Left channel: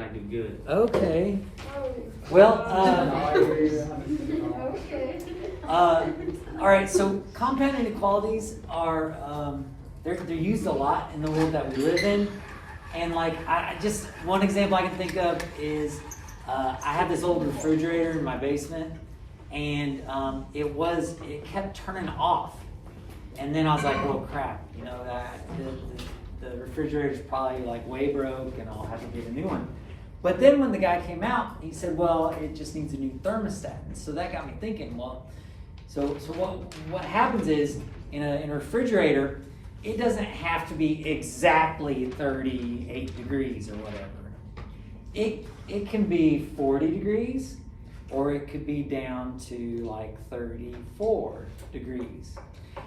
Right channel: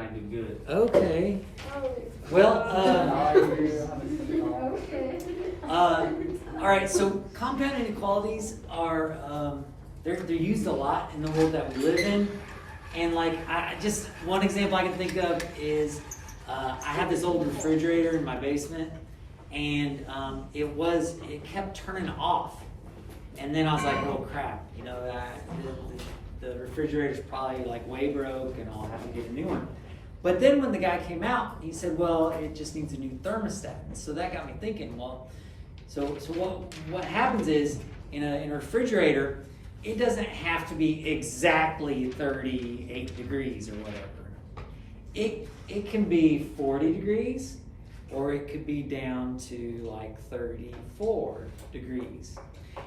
and I do good. Okay. Well, all right, so compound inequalities are, they're used a lot in the world that we live in. And like, I just, one example I can think of is, I have this old refrigerator in my basement, and it kept turning off. And then I was like, well, crap, you know, the refrigerator's probably like way broke, and I'll have to get a new one. But then when the guy came out, he said, well, it just needs a new thermostat. And so that got me thinking, well, so what happens is, in a refrigerator, it doesn't have to be exactly 38 degrees or whatever. It can be 40 degrees, or it could be down to like 34 degrees.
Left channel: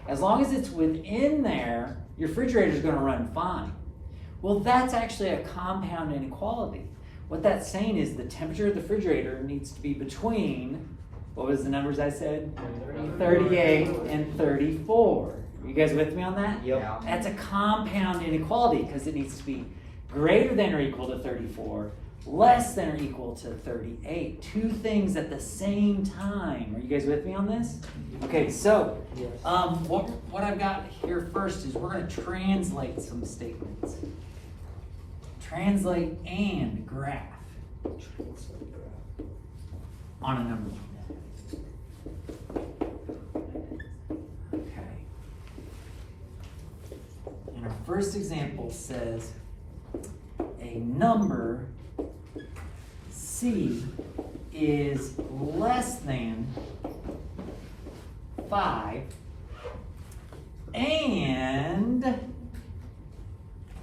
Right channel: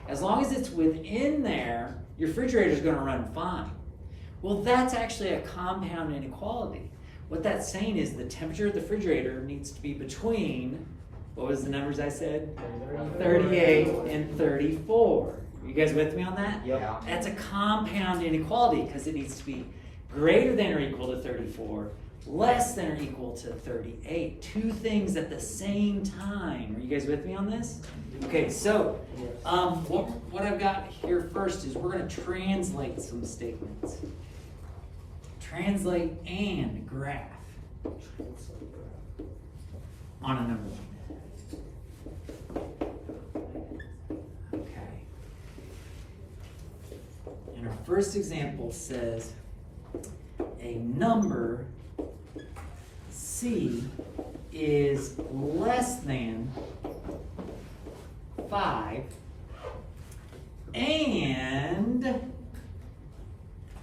As long as it's within there, your refrigerator is going to run fine. Well, that's actually a compound inequality. What that's saying is the temperature of the refrigerator needs to be between, what was the numbers I said? 38 and 34. You guys with me on that? Yep. That's a compound inequality because it needs to be greater than or equal to 34, less than or equal to 38. Two things at the same time. Are you guys with me on this? Okay, so what I've got here first is we're going to translate some statements. Translate and graph on a number like that. Okay. And our first example says a number C is less than 5 and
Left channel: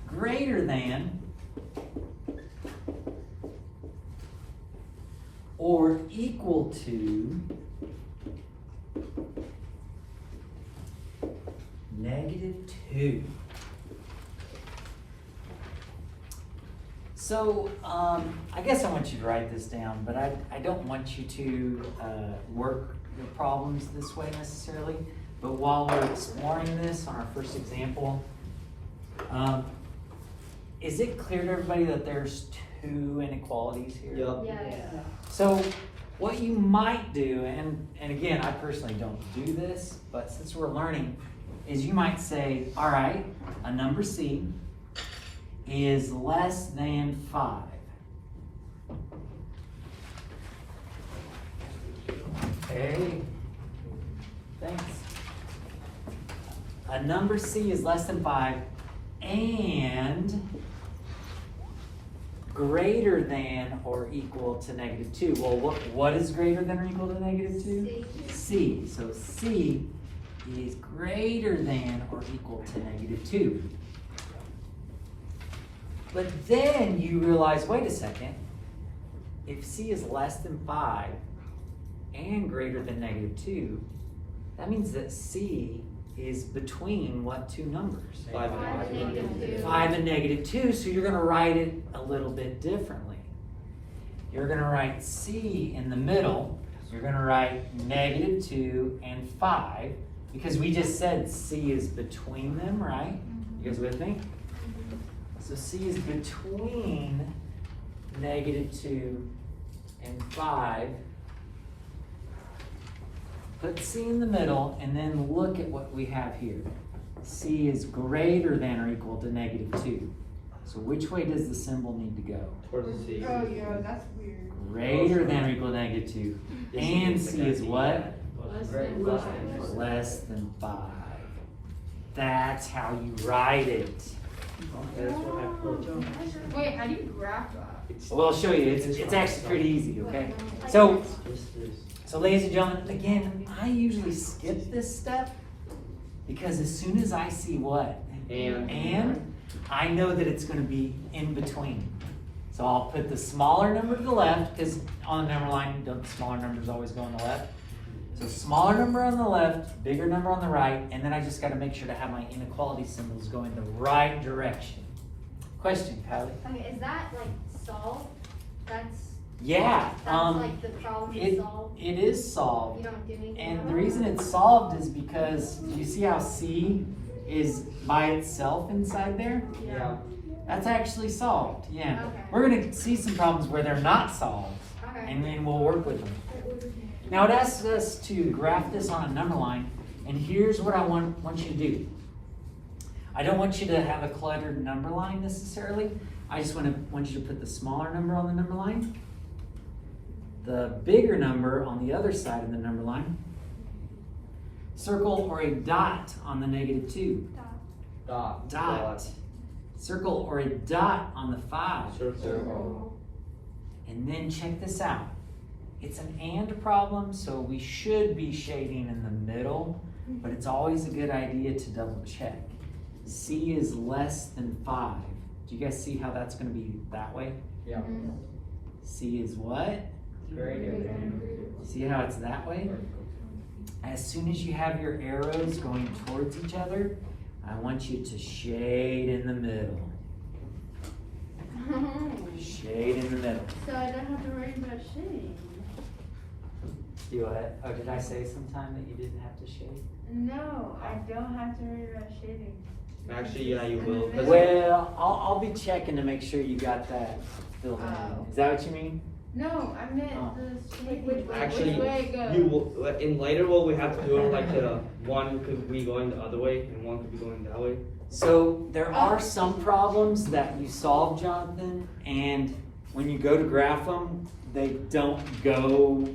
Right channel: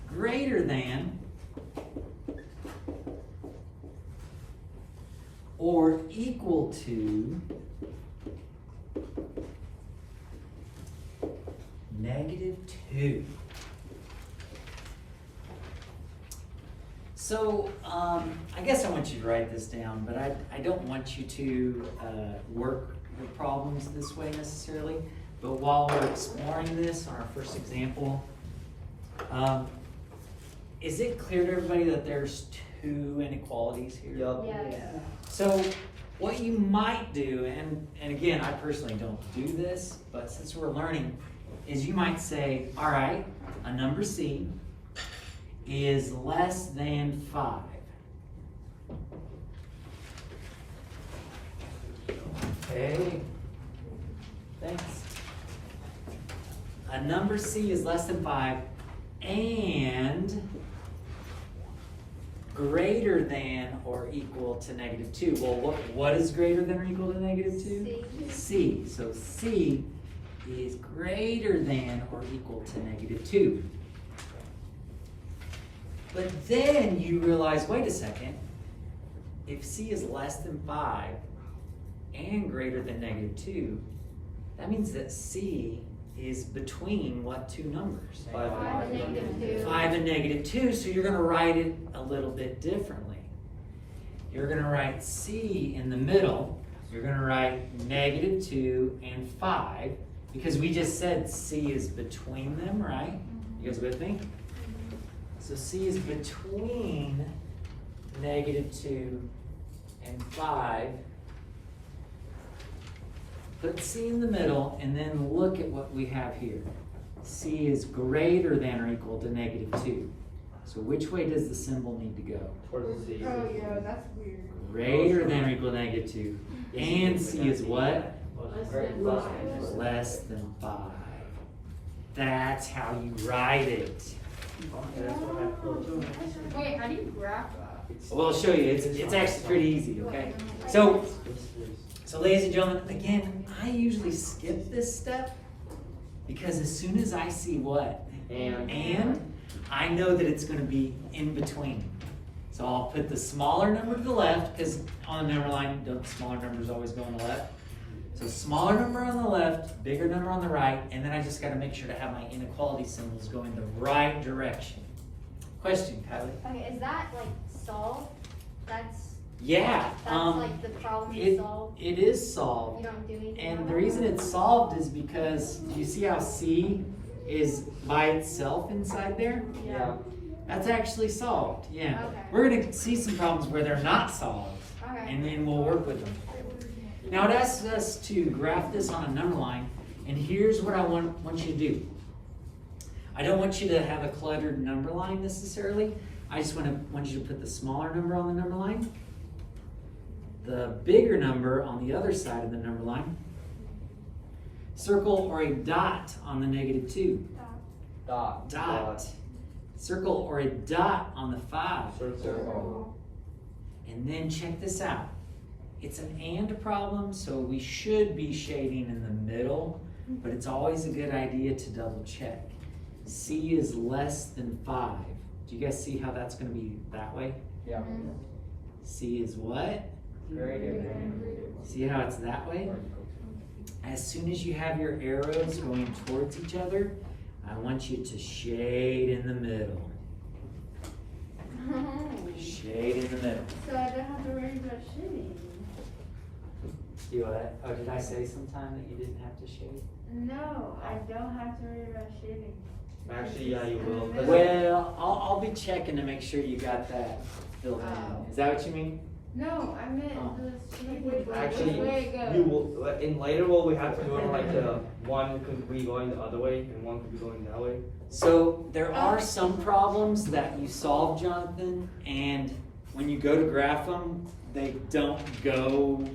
greater than or equal to -2. So, I guess I want you to write this down, but I don't want you to work the problems this way necessarily. But while we're exploring this on our first example, is it clear to everybody that there's two inequalities here? Yep. Yeah. So what you might do, and again, I personally don't do this, but since we're learning, is you might say, all right, a number C is less than 5. Okay. Thanks. A number C is less than 5 and greater than or equal to -2. Well, what is greater than or equal to -2? C. So C is greater than or equal to -2. But then you realize, wait a second, if C is less than 5 and greater than -2, that means that C is between what two numbers? 5 and 5 and -2, so you're going to write it a little bit differently. You're going to write C in the middle. You're going to write -2 and 5, because we just said C is between them, right? You guys with me? So C is between -2 and 5. Put C in the middle, and then look at what we have here. C is greater than or equal to -2. So which way does the symbol need to go? Towards C. Oh yeah, that's weird. Greater than or equal to -2. And C is what? Less than 5. That's how you write it. That's what I put. Wait, how do you graph that? Well, I'll show you. It's actually pretty easy, okay? So ladies and gentlemen, again, I usually skip this step because as soon as I see what? And I know that it's going to be in between. So I'll put the smaller number to the left, because on the number line, the smaller numbers always go on the left. So smaller number on the left, bigger number on the right, and then I just got to make sure to have my inequality symbols going the right direction. Question, Kylie? Okay, is that like solved? That's Yeah. like the problem is solved. It is solved. You don't do anything. And the reason it's solved is because you see how C is by itself inside there? Yeah. That's actually solved, yeah. Okay. We're gonna see some problems where they're not solved, Okay. and then we'll work with them. Now it asks us to graph this on a number line, and here's what I want you to do. I don't want you to have a cluttered number line necessarily. I just want you to put the smaller number on the number line, the bigger number on the other side of the number line, circle or a dot on the -2. Dot. Circle or a dot on the 5. Circle. And then check this out. It's an and problem, so we should be shading in the middle, but it's always a good idea to double check. C is less than 5. Do you guys see how that's going to be that way? Yeah. C is what? See how it's that way? As soon as you have your arrows going towards each other, I want you to shade in the middle. Shade in the middle. So I don't have to worry about shading. You what? Oh, did I say sometime that you didn't have to shade? No, I don't have to worry about shading. Actually, yeah, you will. 'Cause Well, I'll be checking to make sure you got that filled in. Is that what you mean? No, I meant Oh. the shading. Which way Actually, it goes. you will. Like, in later, what we have to do, like the one could be going the other way and one could be going that way. So there are some problems that you solve, Jonathan, and when you go to graph them, they don't go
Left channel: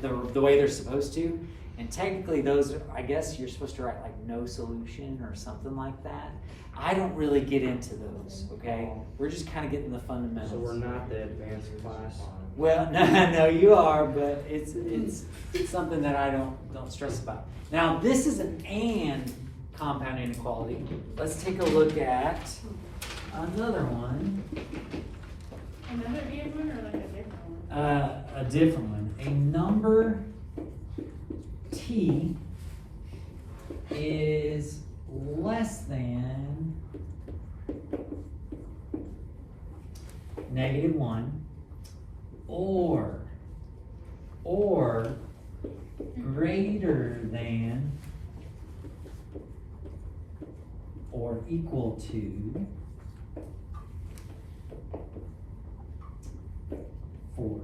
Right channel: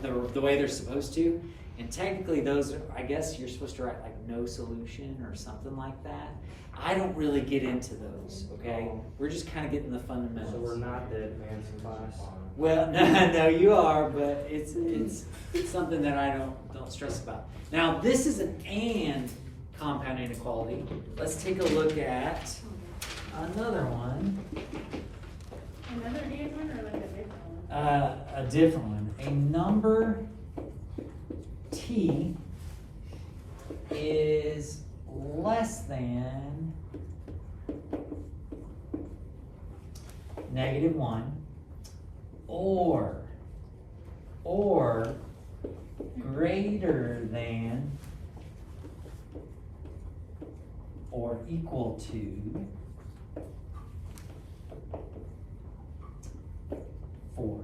the way they're supposed to. And technically those are, I guess you're supposed to write like no solution or something like that. I don't really get into those, okay? We're just kind of getting the fundamentals. So we're not the advanced class. Well, no, you are, but it's something that I don't stress about. Now, this is an and compound inequality. Let's take a look at another one. Another good one or like a different one? A different one. A number t is less than -1 or greater than or equal to 4.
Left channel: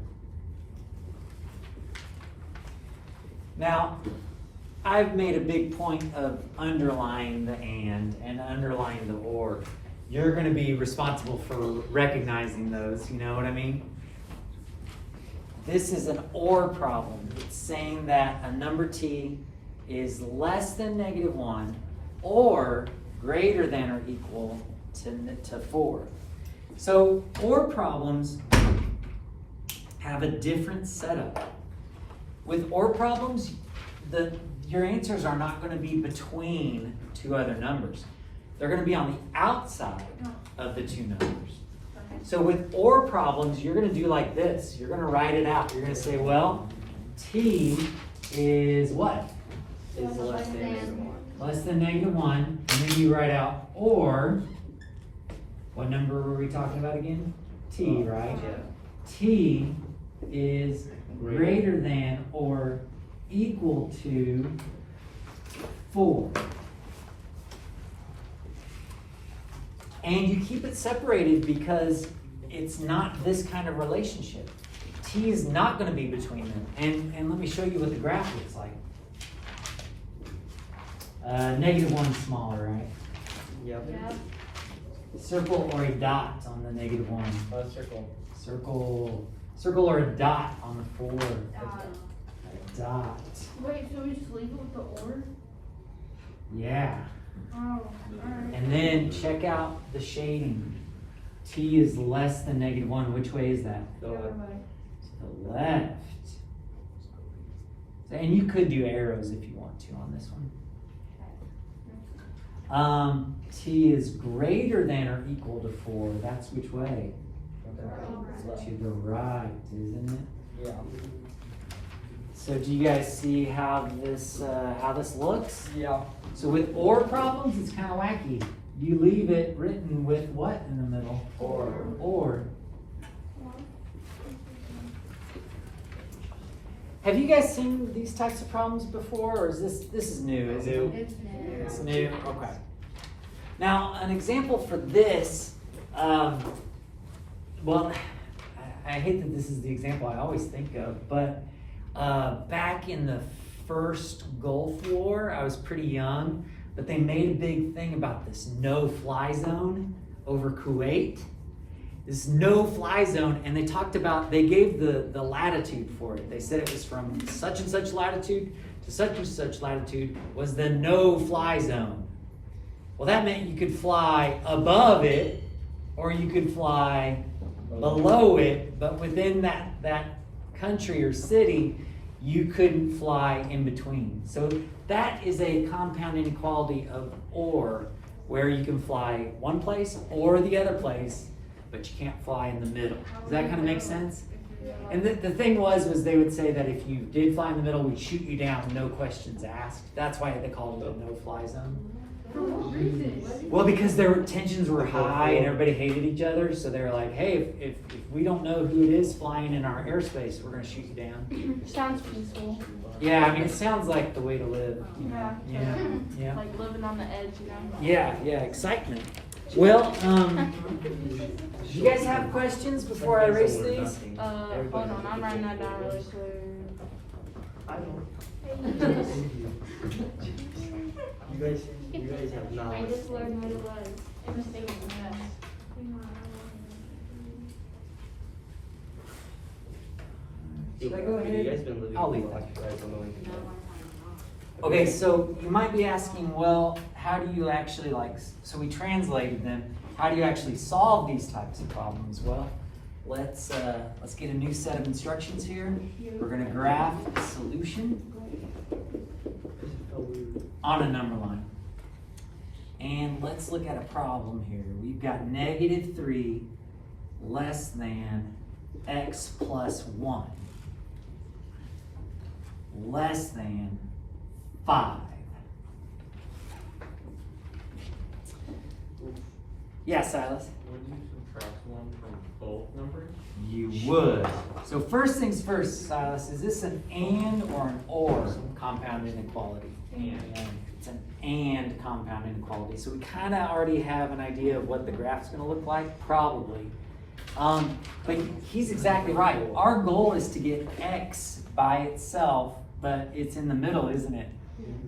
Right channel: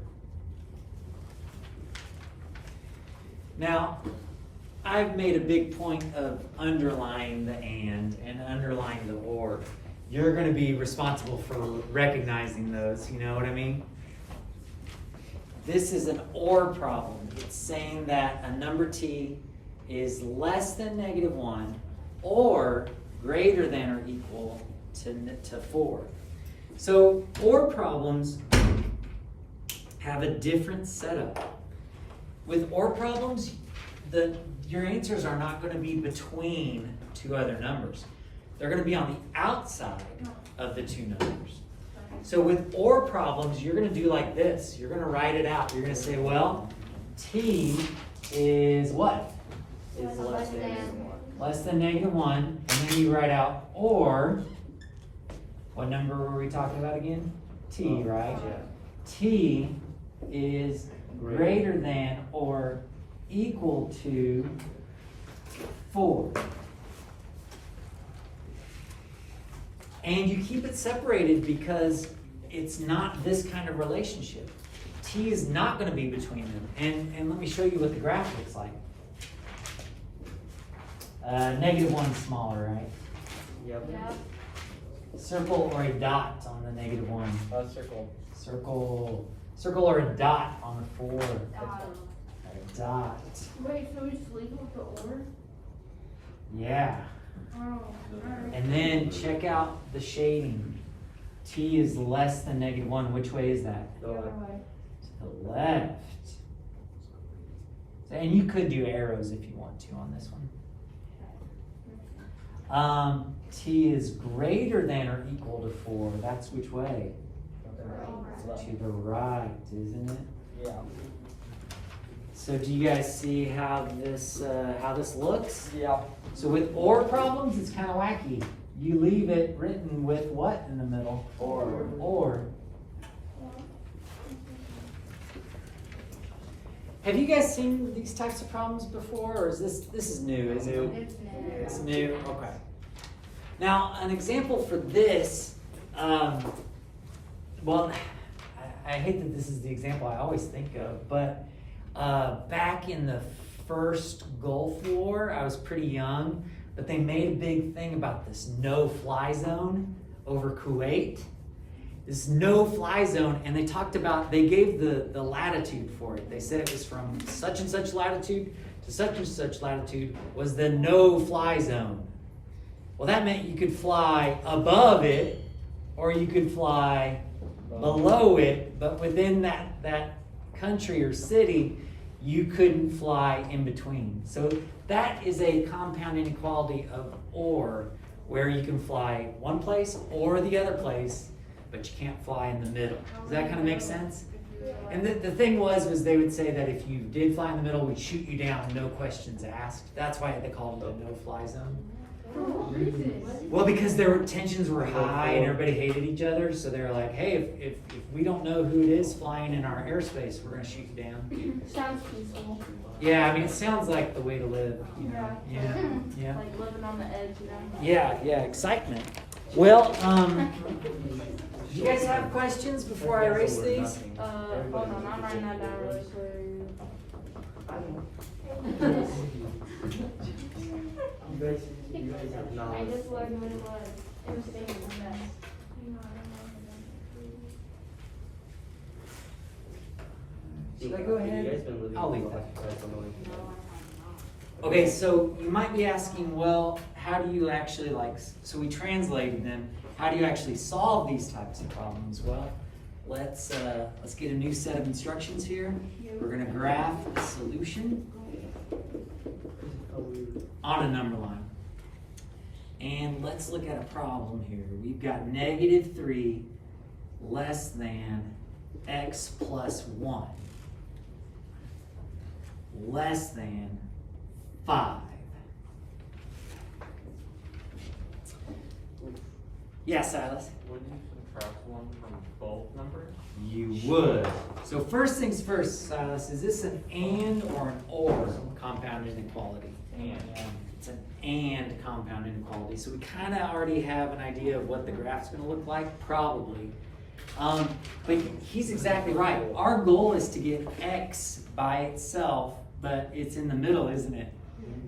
Now, I've made a big point of underlying the and underlying the or. You're going to be responsible for recognizing those, you know what I mean? This is an or problem. It's saying that a number t is less than -1 or greater than or equal to 4. So or problems have a different setup. With or problems, your answers are not going to be between two other numbers. They're going to be on the outside of the two numbers. So with or problems, you're going to do like this. You're going to write it out. You're going to say, well, t is what? Is less than -1. Less than -1. And then you write out or, what number were we talking about again? T, right? Yeah. T is greater than or equal to 4. And you keep it separated because it's not this kind of relationship. T is not going to be between them. And let me show you what the graph looks like. -1 is smaller, right? Yep. Yeah. Circle or a dot on the -1. Circle. Circle or a dot on the 4. A dot. Wait, so we just leave it with the or? Yeah. Oh, alright. And then check out the shading. T is less than -1. Which way is that? The other way. To the left. And you could do arrows if you want to on this one. T is greater than or equal to 4. That's which way? To the right, isn't it? Yeah. So do you guys see how this looks? Yeah. So with or problems, it's kind of wacky. You leave it written with what in the middle? Or. Have you guys seen these types of problems before, or is this is new? Isn't it? New. It's new. It's new. Okay. Now, an example for this, Well, I hate that this is the example I always think of, but back in the first Gulf War, I was pretty young, but they made a big thing about this no-fly zone over Kuwait. This no-fly zone, and they gave the latitude for it. They said it was from such and such latitude to such and such latitude was the no-fly zone. Well, that meant you could fly above it, or you could fly below it, but within that country or city, you couldn't fly in between. So that is a compound inequality of or, where you can fly one place or the other place, but you can't fly in the middle. Does that kind of make sense? And the thing was they would say that if you did fly in the middle, we'd shoot you down, no questions asked. That's why they called it a no-fly zone. Well, because tensions were high and everybody hated each other, so they were like, hey, if we don't know who it is flying in our airspace, we're going to shoot you down. Sounds peaceful. Yeah, I mean, it sounds like the way to live, you know. Yeah. Like living on the edge, you know. Yeah, excitement. Well, do you guys have questions before I erase these? Hold on, I'm writing that down really quick. You guys have I knowledge. just learned how to write. In a statement, yes. Should I go ahead? You guys been living I'll leave like that. you guys don't know anything. Okay, so you might be asking, well, how do you actually so we translated them, how do you actually solve these types of problems? Well, let's get a new set of instructions here. We're gonna graph the solution on a number line. And let's look at a problem here. We've got -3 less than x plus 1 less than 5. Yeah, Silas? Would you subtract one from both numbers? You would. So first things first, Silas, is this an and or an or compound inequality? It's an and compound inequality. So we kind of already have an idea of what the graph's going to look like, probably. But he's exactly right. Our goal is to get x by itself, but it's in the middle, isn't it?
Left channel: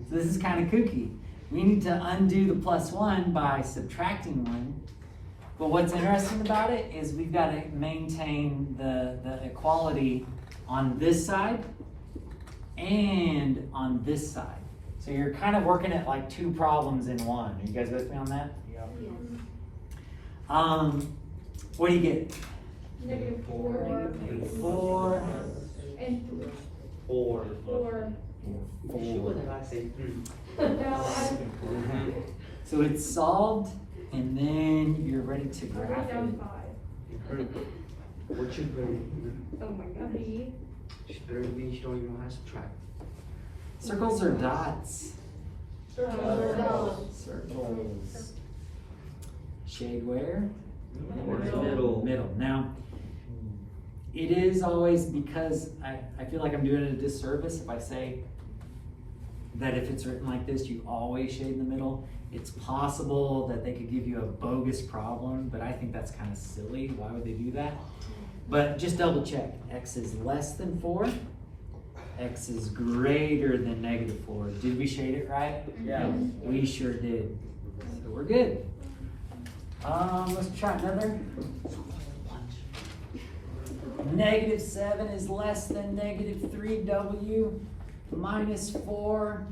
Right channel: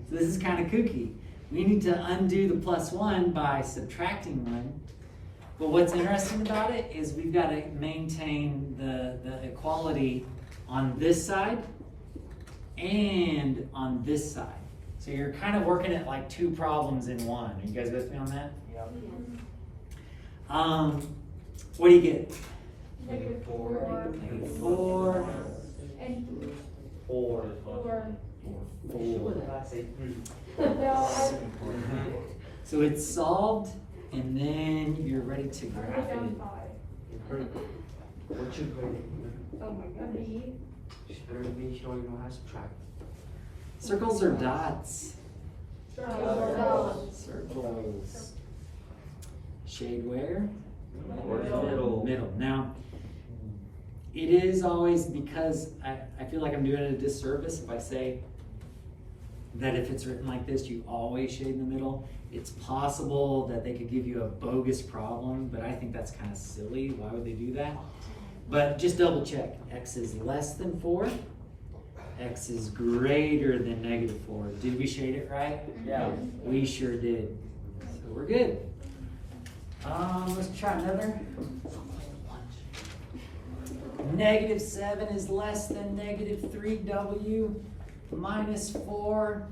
So this is kind of kooky. We need to undo the plus 1 by subtracting 1. But what's interesting about it is we've got to maintain the equality on this side and on this side. So you're kind of working at like two problems in one. Are you guys with me on that? What do you get? -4. -4. And 4. 4. What did I say? So it's solved, and then you're ready to I graph wrote it. down 5. What you grade? Oh my god. B. Just better be showing you know how to subtract. Circles or dots? Circles. Circles. Shade where? Towards the middle. Middle. Now, it is always, because I feel like I'm doing it a disservice if I say that if it's written like this, you always shade in the middle. It's possible that they could give you a bogus problem, but I think that's kind of silly. Why would they do that? But just double check. X is less than 4. X is greater than -4. Did we shade it right? Yeah. We sure did. So we're good. Let's try another. -7 is less than -3w. -4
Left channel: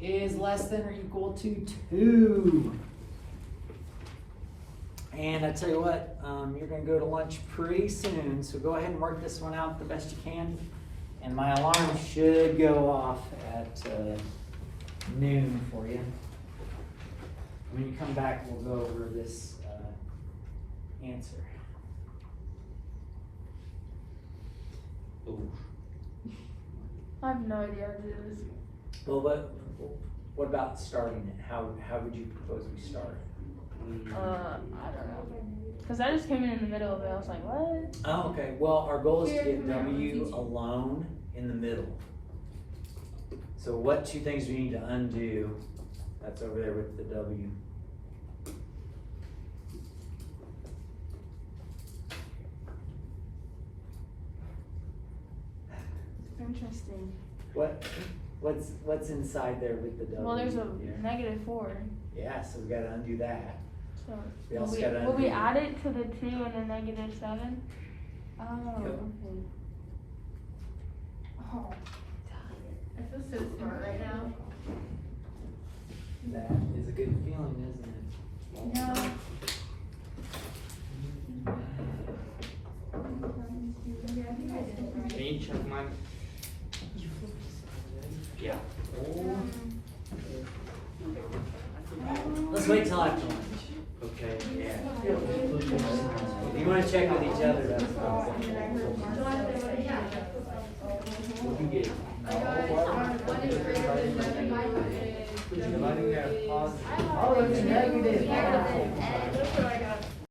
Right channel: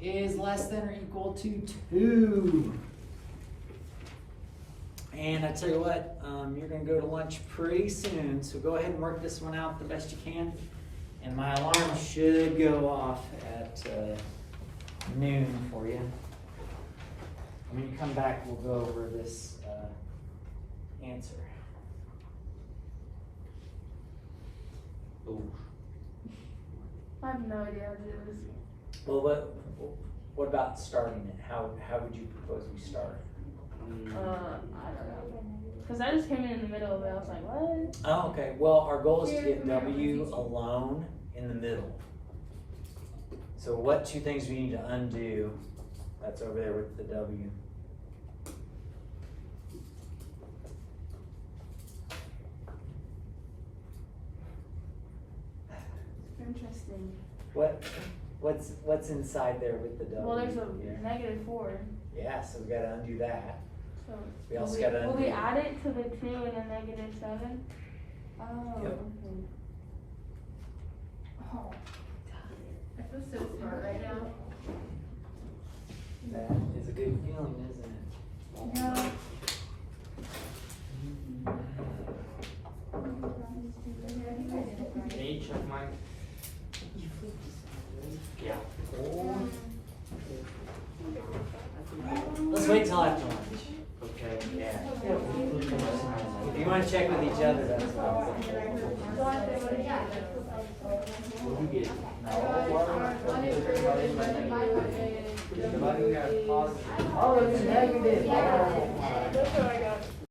is less than or equal to 2. And I tell you what, you're going to go to lunch pretty soon, so go ahead and work this one out the best you can. And my alarm should go off at noon for you. When you come back, we'll go over this answer. Oh. I have no idea what it is. Well, what about starting it? How would you propose we start? I don't know. Because I just came in the middle of it. I was like, what? Oh, okay. Well, our goal is to get W alone in the middle. So what two things we need to undo? That's over there with the W. interesting. What's inside there with the W? Well, there's a here? -4. Yeah, so we gotta undo that. So We also will gotta will we undo- add it to the 2 and the -7? Oh. Yep. Okay. Oh. I feel so smart right now. That is a good feeling, isn't it? No. Can you check mine? Yeah. Let's wait till after lunch. Okay. Yeah. You wanna check with each other, that's fine. What do you get? I got one is greater than W and W is. Oh, it's negative. That's what I got.